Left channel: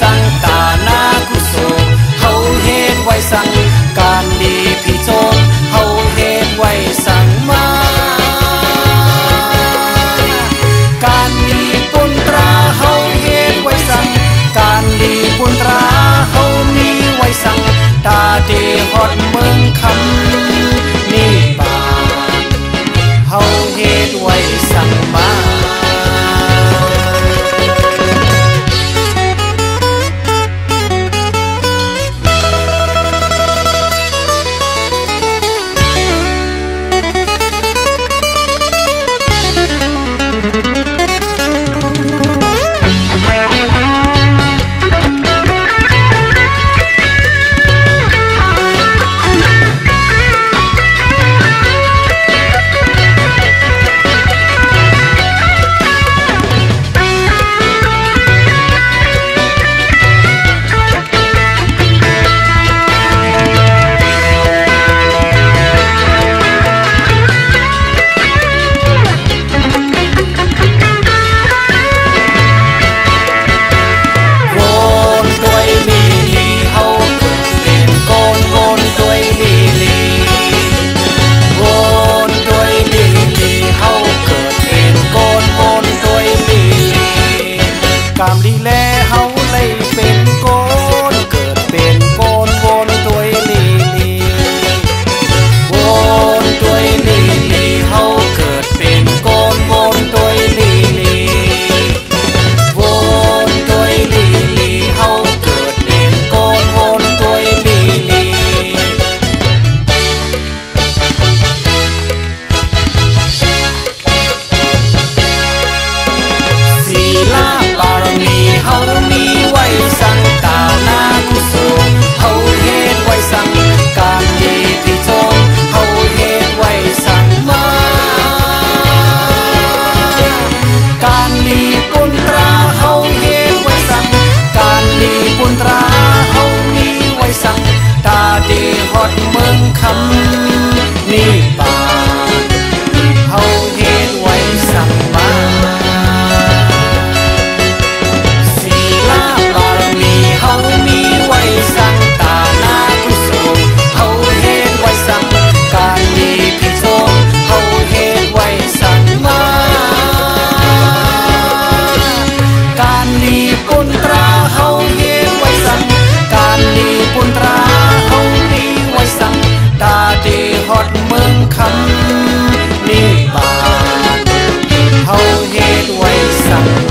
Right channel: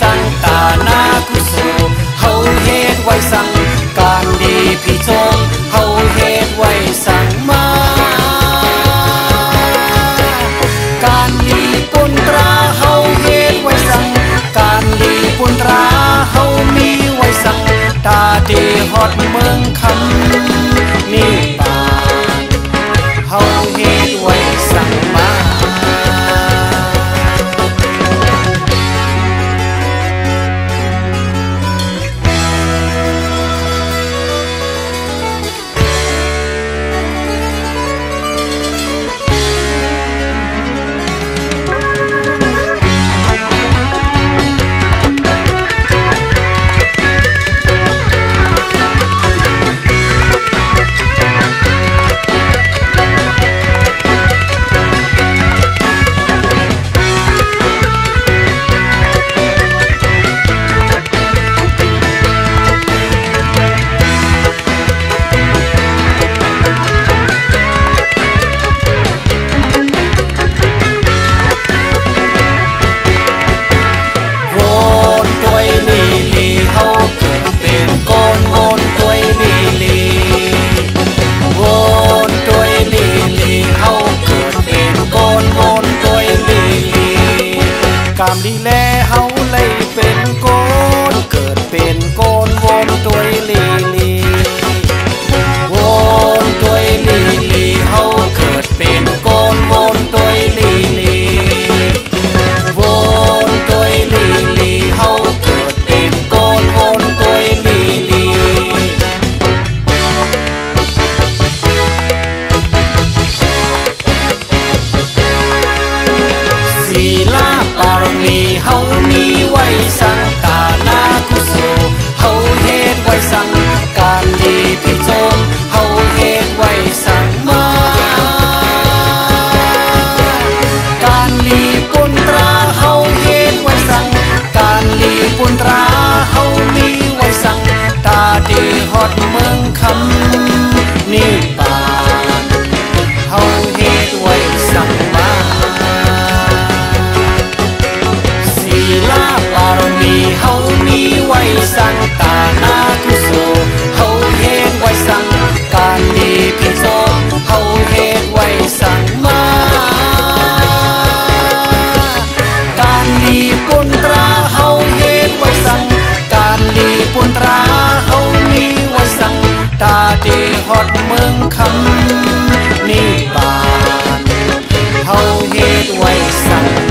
สังกานากุโสเฮาเฮ็ดไว้สังการดีพี่จงเฮาเฮ็ดไว้สังมาการดีปุนตราเฮาเฮ็ดไว้สังการดีปุนตราเฮามีไว้สังตาเดฮอดเมืองคำนี่ปานเฮาเฮ็ดไว้สังมากามลีแลเฮาเลยเป็นโกนเกิดเป็นโกนวนตวยลีลีวนตวยลีลีเฮาเกิดเป็นโกนวนตวยลีลีวนตวยลีลีเฮาเกิดเป็นโกนวนตวยลีลีศีลาปารมีเฮามีไว้สังตานากุโสเฮาเฮ็ดไว้สังการดีพี่จงเฮาเฮ็ดไว้สังมาการดีปุนตราเฮาเฮ็ดไว้สังการดีปุนตราเฮามีไว้สังตาเดฮอดเมืองคำนี่ปานเฮาเฮ็ดไว้สังมาลาปารมีเฮามีไว้สังตานากุโสเฮาเฮ็ดไว้สังการดีพี่จงเฮาเฮ็ดไว้สังมาการดีปุนตราเฮาเฮ็ดไว้สังการดีปุนตราเฮามีไว้สังตาเดฮอดเมืองคำนี่ปานเฮาเฮ็ดไว้สัง